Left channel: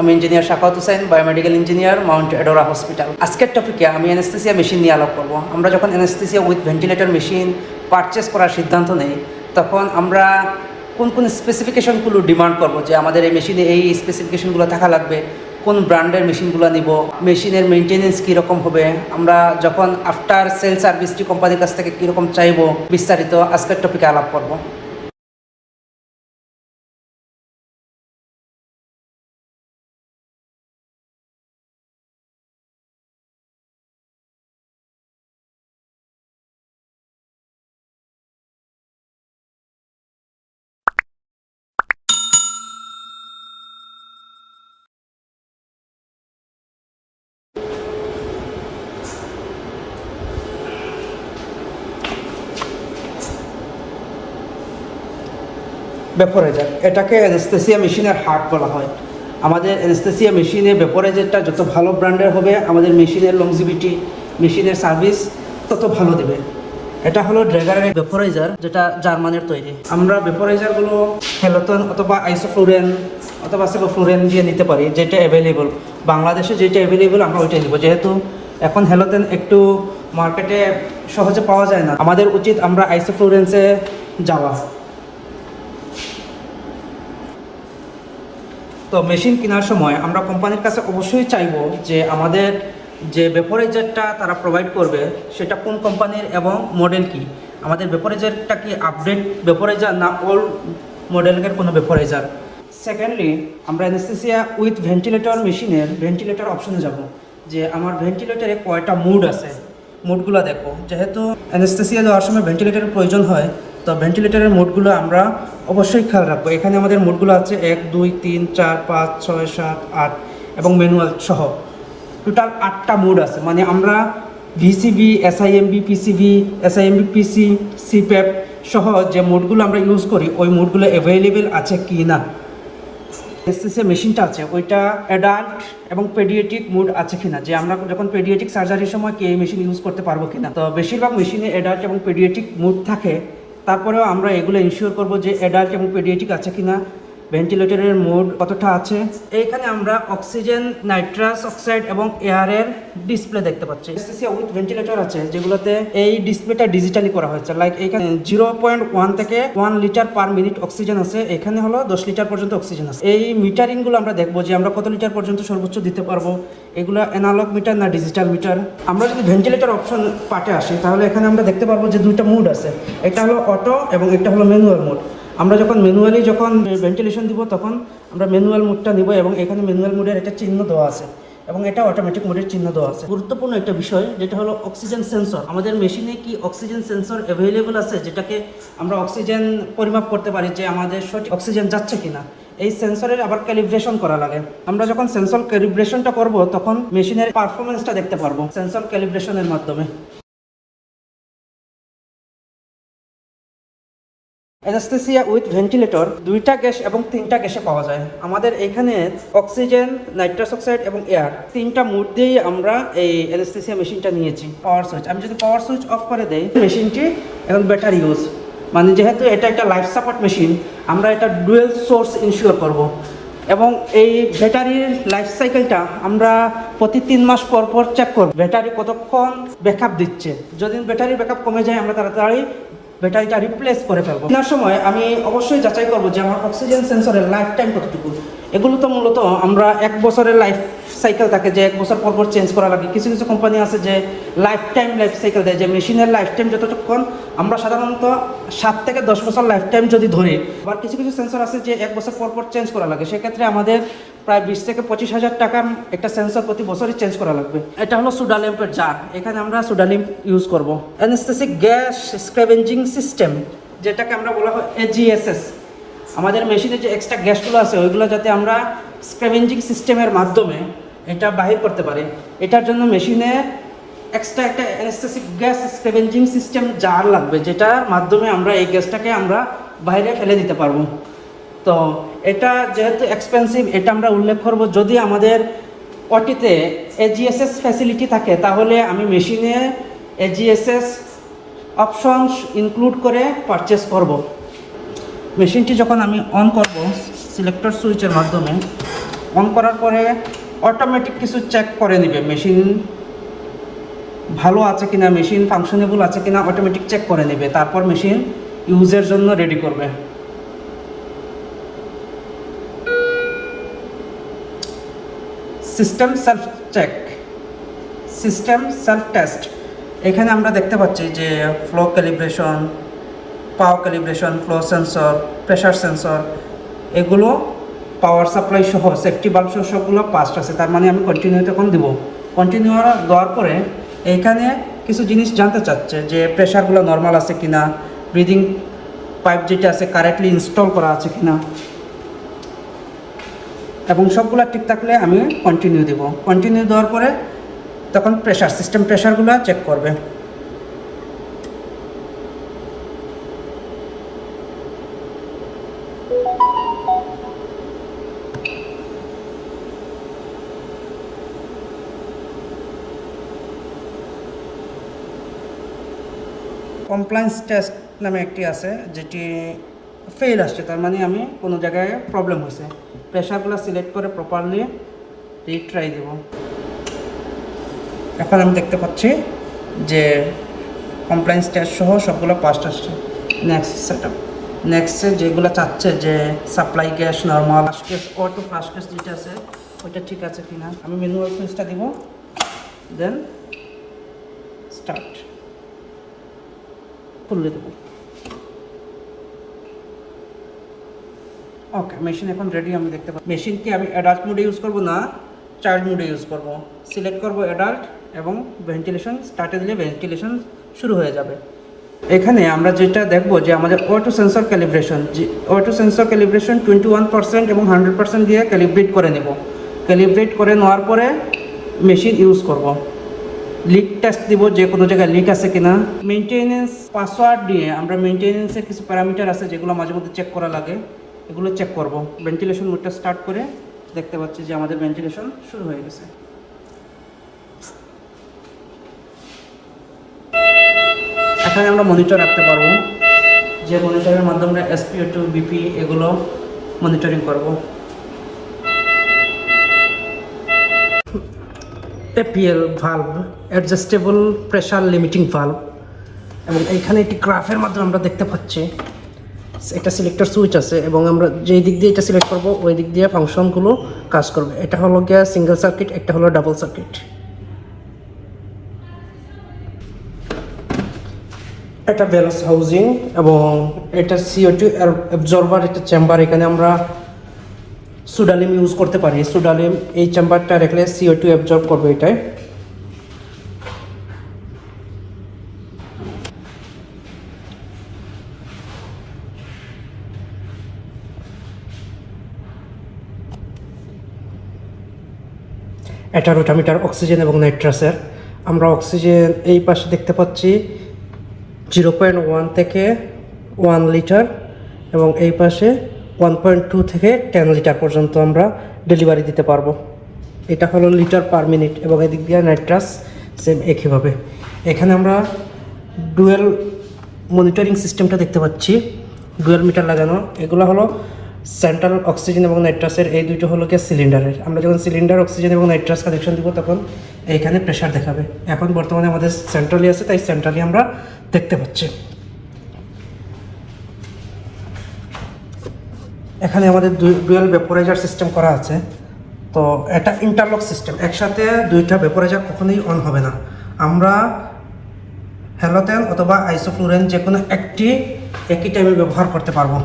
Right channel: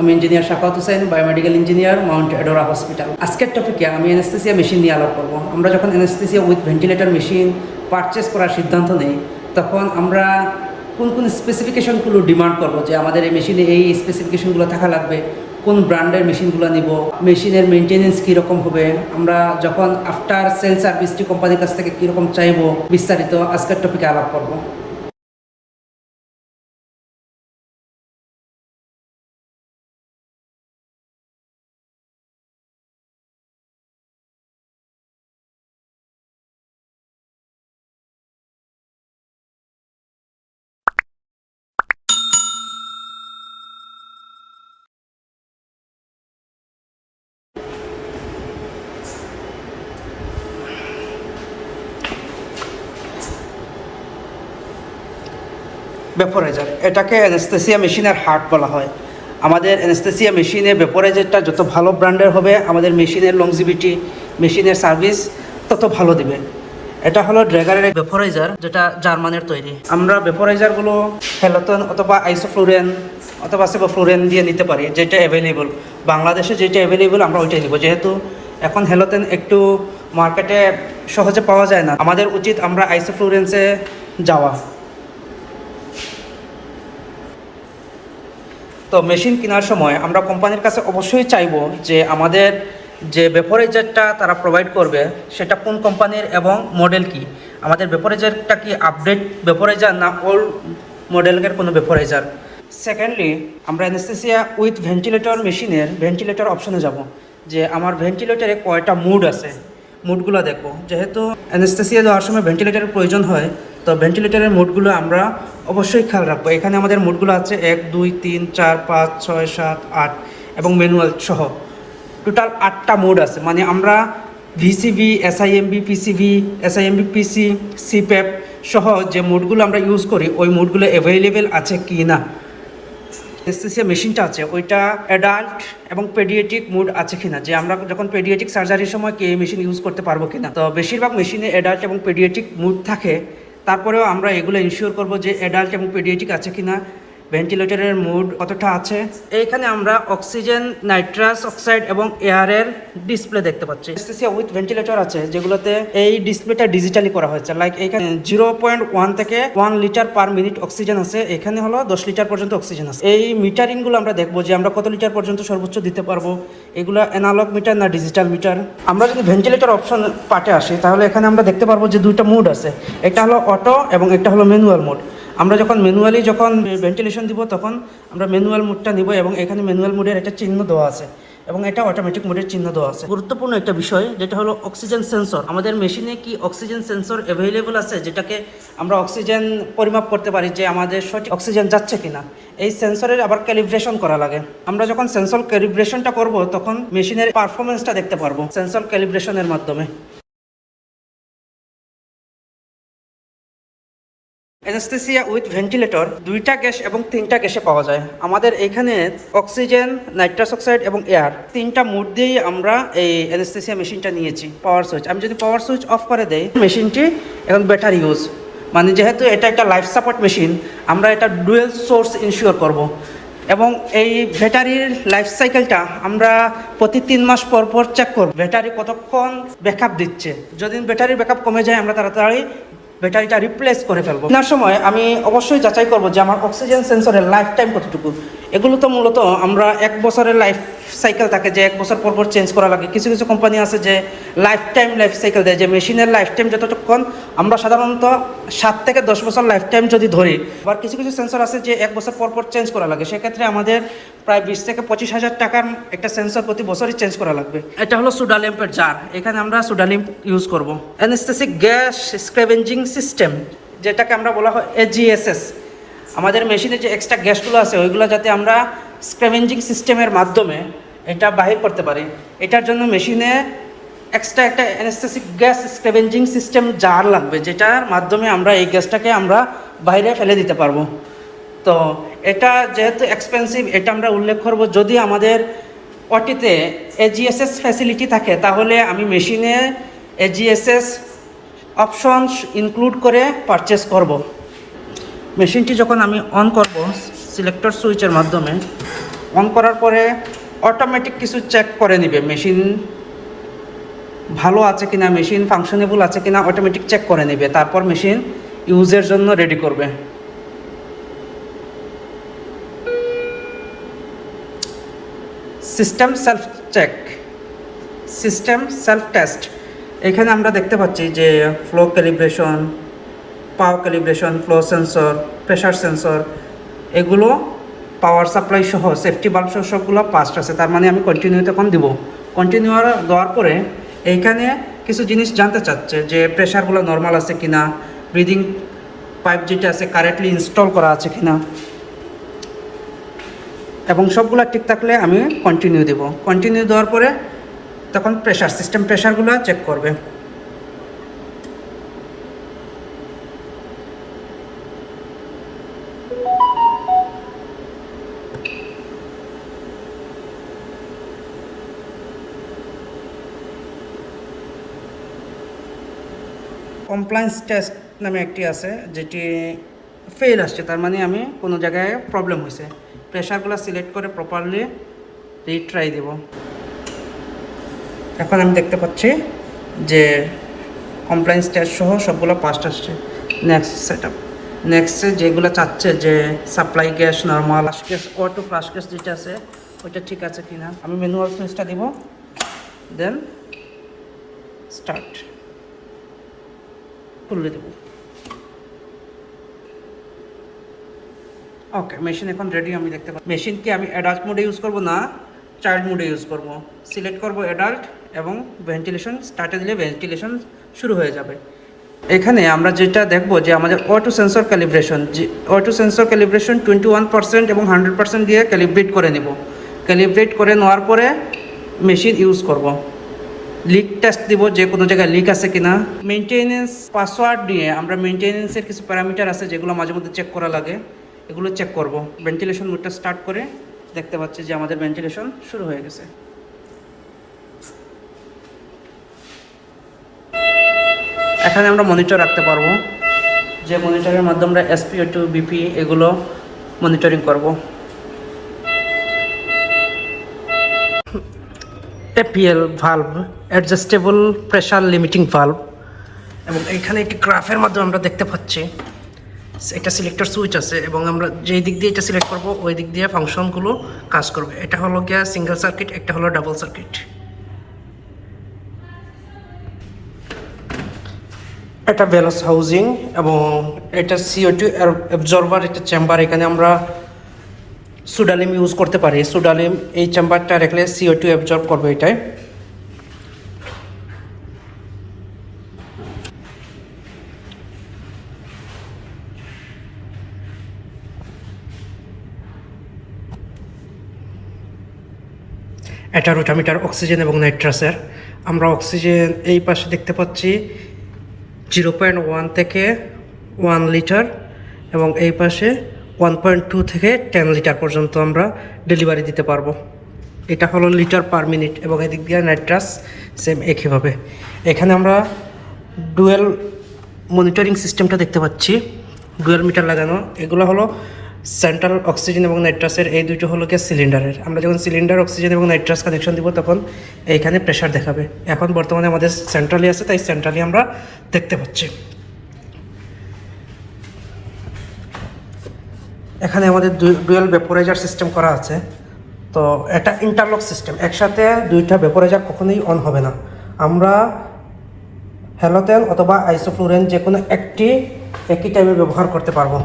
আমি engineer Shafat Hossain, biomedical engineer, Mount Adora hospital. আজকের টপিকে আমি অ্যানেস্থেসিয়া মেশিন নিয়ে আলাপ করবো। আমরা যখন anaesthesia with ventilator machine purchase করার সিদ্ধান্ত নেই, তখন আমরা কোন কোন স্পেসিফিকেশনগুলো ডিমান্ড করবো যে আমাদের এই মেশিনে এই স্পেসিফিকেশনগুলো থাকা লাগবে, কোন ব্র্যান্ডের মেশিনগুলো নিব, মেশিনের মেনটেনেন্স কীরকম হবে, আমরা যখন আফটার সেল সার্ভিসটি কোম্পানির কাছ থেকে কীরকম চাইবো, বিস্তারিত আজকের টপিকে আলাপ করবো। ভেপোরাইজার, এটাকে অ্যানেস্থেসিয়া মেশিনের হার্ট বলা হয়। আমাদের অ্যানেস্থেসিয়া মেশিনে ভেপোরাইজারটা যত ভালো ব্র্যান্ডের হবে, আমাদের মেশিনের লংজিভিটি, মেশিনের সার্ভিস তত ভালো দেবে। এটা হলো ড্রেগারের ভেপোরাইজার, যেটা জার্মানের তৈরি। আমরা ভেপোরাইজারগুলো হ্যালোথন অথবা আইসোফ্লুরেন অথবা সেবোফ্লুরেন দিয়ে নিতে পারি, যেটা অ্যাভেলেবল। বাংলাদেশে যেটা অ্যাভেলেবল আমরা ওইটাই নিব, যেহেতু এখন হ্যালোথেন একটু মার্কেটে সহজে পাওয়া যায় না। আমাদের উচিত আমরা আইসোফ্লুরেন্সে যাওয়া। তো মেশিন কেনার সময় আমরা কোম্পানির কাছে অবশ্যই চাইবো যে আমাদের যে ভেপোরাইজারটা তারা প্রোভাইড করবে সেটা কোন কোম্পানির এবং মডেল কি। আমাদের ভেপোরাইজারটা কি আপডেট ভেপোরাইজার না ওল্ড মডেলের কোনো ভেপোরাইজার। সেকেন্ডলি, আমরা অ্যানেস্থেসিয়া উইথ ভেন্টিলেটর মেশিনের ভেন্টিলেটর অপশনে যাব, যে আমার ভেন্টিলেটরে কয়টা মুড আছে, মুডগুলো দেখবো। যেহেতু অ্যানেস্থেসিয়া যাওয়ার সময় ভেন্টিলেটরের প্রয়োজন হয়, তো ভেন্টিলেটরের মোডগুলো আমরা অবশ্যই খেয়াল রাখবো। এখানে আমাদের মোডগুলো আছে 1, 2, 3, 4, 5, 6, 7, 8 এবং ম্যানুয়াল সহ টোটাল 8টা মোড আছে। মানে আমরা ভিসিবি, এসআইএমবি, পিসিবি, এসআইএমবি পিসি, সিপ্যাপ সহ যে মোডগুলো আমরা ইউজ করি, ওই মোডগুলো অ্যাভেলেবেল আছে কি না। অ্যানেস্থেসিয়া মেশিনটা আছে ওইটা অ্যাডাল্ট এবং পেডিয়াট্রিক মুড আছে কিনা, যে আমরা যখন পেডিয়াট্রিক সার্জারির সময় কি এই মেশিন ইউজ করতে পারবো কিনা। তো বেশিরভাগ মেশিনে অ্যাডাল্ট এবং পেডিয়াট্রিক মুড থাকে, তারপরেও আমরা এগুলো ইনশিওর করবো যে অ্যাডাল্ট এবং পেডিয়াট্রিক আছে কিনা, ভেন্টিলেটরের মুড কতটা আছে। এইখানে আমরা অক্সিজেন, নাইট্রাস অক্সাইড এবং এয়ারের ডিসপ্লে দেখতে পাচ্ছি। অ্যানেস্থেসিয়া উইথ ভেন্টিলেটর আছে যেগুলোতে এই ডিসপ্লেটা ডিজিটালি করা হয়েছে। লাইক এখানে 0.1 থেকে 1 লিটার পার মিনিট অক্সিজেন আছে, এখানে হলো 10 লিটার পর্যন্ত অক্সিজেন আছে। এই মিটারিংগুলো আমরা দেখবো যে আমরা কত লিটার পর্যন্ত সর্বোচ্চ দিতে পারবো। এগুলো অ্যানালগ মিটার না ডিজিটাল মিটার। আমরা যদি ভেন্টিলেটর অপশন পার্টে আসি, তাহলে এখানে আমরা দেখতে পারবো যে দুইটা মুড আছে, একটা হলো অটো এবং একটা হলো ম্যানুয়াল মোড। আমরা যখন ম্যানুয়ালি ভেন্টিলেশন দিব, তখন আমরা ম্যানুয়াল মোডটা দিব এবং এখানে ম্যানুয়াল মোডের একটা চিহ্ন দেওয়া আছে এবং এটা অটোমেটিক মোডের চিহ্ন দেওয়া আছে। গুরুত্বপূর্ণ একটা বিষয় যেটা হলো অক্সিজেন সেন্সর। আমাদের মেশিনে কি অক্সিজেন সেন্সর অ্যাভেলেবল আছে, যেটাকে আমরা অক্সিজেন পরিমাপ করতে পারি যে আমাদের সঠিক অক্সিজেন যাচ্ছে কিনা। এই সেন্সরের আবার ক্যালিব্রেশন করা লাগে। আমরা যখন সেন্সর ক্যালিব্রেশনটা করব, তখন মেশিনের পারফরমেন্সটা দেখতে পারবো সেন্সর ক্যালিব্রেশনের মাধ্যমে। অ্যানেস্থেসিয়া উইথ ভেন্টিলেটর 2টা গ্যাস এবং 3টা গ্যাসে পাওয়া যায়। আমাদের এখানে অক্সিজেন, নাইট্রাস অক্সাইড এবং এয়ার 3টা মোড দিয়েই আমরা এই অ্যানেস্থেসিয়া মেশিনটা নিয়েছি। পাওয়ার সুইচ, আমি যদি পাওয়ার সুইচ অফ করে দেই, মেশিনটি এখন ব্যাটারি ইউজ, মানে যেহেতু এটা একটা লাইফ সাপোর্ট মেশিন, আমরা এটা ডুয়েল সোর্স ইনশিওর করব। এবং এই ব্যাটারির লাইফ সাইকেলটা আমরা প্রতি 3 মাস পর পর চেক করব, ব্যাটারি কতক্ষণ ব্যাকআপ দিচ্ছে। যদি ব্যাটারির ব্যাকআপ কমে যায়, আমরা তাড়াতাড়ি ব্যাটারিটা রিপ্লেস করে ফেলবো। কেনার সময় আমি অবশ্যই যাচাই করবো যে আমার অক্সিজেন সেন্সরের লাইফ টাইম কতটুকু। এগুলো তো মূলত আমরা 1 বছরের লাইফ সাইকেল থাকে, যে 1 বছর পর পর চেঞ্জ করা লাগে। কিছু কিছু কোম্পানি আছে যে লাইফ সাইকেল দেয়, যে মেশিনের লাইফ টাইম যতক্ষণ, আমরা সাধারণত 7 থেকে 10 বছর লাইফ টাইম যদি ধরি। আবার কিছু কিছু সেন্সর আছে যে 1 বছর পর পর চেঞ্জ করা লাগে, সেক্ষেত্রে আমাদের প্রায় 20 থেকে 25,000 টাকার একটা সেন্সর প্রতি বছরই চেঞ্জ করা লাগবে। এটা হলো সোডা ল্যাম্পের জার, এখানে আমরা সোডা ল্যাম্প ইউজ করবো। অ্যানেস্থেসিক গ্যাস স্ক্যাভেঞ্জিং সিস্টেম, যেটাকে আমরা বলা হয় এজিএসএস। আমাদের মেশিনে যে এক্সট্রা গ্যাসগুলো আছে, ওইগুলো যাতে আমরা স্ক্যাভেঞ্জিং সিস্টেমের মাধ্যমে এটা বাহির করতে পারি, এটার জন্য মেশিনে এক্সট্রা একটা অ্যানেস্থেসিক গ্যাস স্ক্যাভেঞ্জিং সিস্টেম জার লাগবে, যেটার মাধ্যমে আমরা এই গ্যাসটাকে আমরা বাইরে ফেলে দিতে পারবো। তো এটা যেহেতু এক্সপেন্সিভ, এটা আমরা উল্লেখ করব। যদি আমাদের ওটিতে এজিএসএস ফ্যাসিলিটি থাকে, তাহলে আমি মেশিনে এজিএসএস অপশনস ইনক্লুড করে পারচেস করব। মেশিনটি যখন আমি অন করব সিলেক্টর সুইচের মাধ্যমে, অন করার পরে অটোমেটিক কিছু চেক করে নেবে, মেশিন ভালো আছে কিনা, মেশিন ফাংশনেবল আছে কিনা অটোমেটিক চেক করে নেবে, তারপর মেশিন ইউজের জন্য রেডি করবে। System self check, system self test. এখানে আমরা দেখতে পাচ্ছি যে flow calibration, power calibration, flow sensor, pressure sensor, এগুলো পাওয়ার সাপ্লাই সহ সেফটি বাল্ব সহ সবগুলো পাস্ট আছে। তার মানে আমি কন্টিনিউ তখন দিব। কন্টিনিউ দেওয়ার পরে এইখানে কিছু জিনিস জানতে চাচ্ছে যে প্রেশারগুলো নর্মাল আছে কিনা, ব্রিদিং পাইপ যেটা আছে কারেক্টলি ইনস্টল করা আছে কিনা, এবং সবগুলো ঠিক থাকলে আমি কন্টিনিউ দেব। কন্টিনিউ দেওয়ার পরে তখন প্রেশার সিস্টেম প্রেশারগুলো চেক করবে। কমপ্লায়েন্স টেস্ট নামে একটি আছে যেটি ফেল আসছে, তার মানে আমি কোনো জায়গায় প্রবলেম হয়েছে। প্রেশারগুলো সিলেক্ট করে প্রপারলি রিট্রাই দেব। এখন আমি দেখতে পাচ্ছি যে কমপ্লায়েন্স টেস্ট সহ সবগুলো পাস্ট আসছে। নেক্সট সেটআপ, নেক্সটে যেগুলো চাচ্ছে যে supply gas normal, flush gas, auto flush gas যেটা আছে ওইটা ঠিক আছে কিনা, আমি ম্যানুয়াল সুইচটা দিব, দেন স্টার্ট খুলে দেব। ওকে, মেশিন এখন রেডি। আমি দেখতে পাচ্ছি মেশিন কি আমি অ্যাডাল্ট মোডে ইউজ করব না চাইল্ড মোডে ইউজ করব। সিলেক্ট করব অ্যাডাল্ট এবং ভেন্টিলেশন স্টার্টে দিলে ভেন্টিলেশন শুরু হয়ে যাবে। এখানে আমরা যেটা দেখব যে আমাদের auto sensor calibration, auto sensor calibration 21% এবং 100% দিয়ে ক্যালিব্রেট করে নেব। ক্যালিব্রেট করে নেওয়ার পরে মেশিন ইউজ করব। লিক টেস্ট দিব যে কোনো জায়গায় লিক আছে কিনা। মেনটেনেন্স পাসওয়ার্ড দিয়ে আমরা মেনটেনেন্সের কিছু প্যারামিটার আছে যেগুলো মাঝে মধ্যে চেক করা লাগে, এগুলো চেক করব। ভেন্টিলেশন মোডটা স্টার্ট করে দেখতে পাচ্ছি যে আমাদের ভেন্টিলেশন শুরু হয়ে গেছে। এখানে আমরা মনিটর রাখতে পারবো, যে মনিটরের মাধ্যমে আমরা SpO2 BP এগুলো মনিটরিং করব। APL valve, adjustable pressure limiting valve, এবং এইখানে একটি গ্রাফের মাধ্যমে আমরা দেখতে পাচ্ছি একটা সিলেক্টর সুইচ আছে, এবং আমরা যেই দিক দিয়ে এটা সিলেক্ট করব ওই দিক দিয়ে ফাংশনগুলো কাজ করবে। এটা হলো গিয়া সিঙ্গেল সার্কিট, একটা হলো ডাবল সার্কিট। এটা ভ্যালস হাউজিং এবং এটা CO2 অ্যাবজর্বার একটা চেম্বার। এখানে আমরা সুডালিম ইউজ করতে পারি। সুডালিম এই চেম্বারটা রাখলে CO2 অ্যাবজর্ব করবে এটাই। এটা রোটামিটার অক্সিজেন এবং নাইট্রাসের। আমরা অক্সিজেন এই পাশে দেখতে পাচ্ছি 0.1 থেকে 1 লিটার, এবং এই পাশে 1.2 থেকে 10 লিটার পর্যন্ত আমরা ডেলিভারি দিতে পারবো। এটা হলো লিটার পার মিনিট, এবং এদিক দিয়ে নাইট্রাস সেম একইভাবে। এখানে আমরা ডুয়েল মনিটরিং সিস্টেমটা দেখতে পাচ্ছি, ডুয়েল মিটার লাগানো। এগুলো হলো সেন্ট্রাল অক্সিজেন এবং নাইট্রাসের, এই দুটো হলো গিয়ে সিলিন্ডারের। আমরা যখন সিলিন্ডার অক্সিজেন এবং নাইট্রাস কানেকশন দিব তখন এইখানে প্রেশার দেখাবে। এখন বর্তমানে আমাদের সেন্ট্রালি আছে, তাই সেন্ট্রালি আমরা দেখতে পাচ্ছি। এখানে আমাদের ডুয়েল ভেপোরাইজার সিস্টেম করা আছে। তো এটা ইন্টারলক সিস্টেম, একসাথে দুইটা ভেপোরাইজার কখনোই অন হবে না। আমরা হ্যালোজেন অথবা আইসোফ্লোরেন যে কোনো একটি একই টাইমে ব্যবহার করতে পারবো।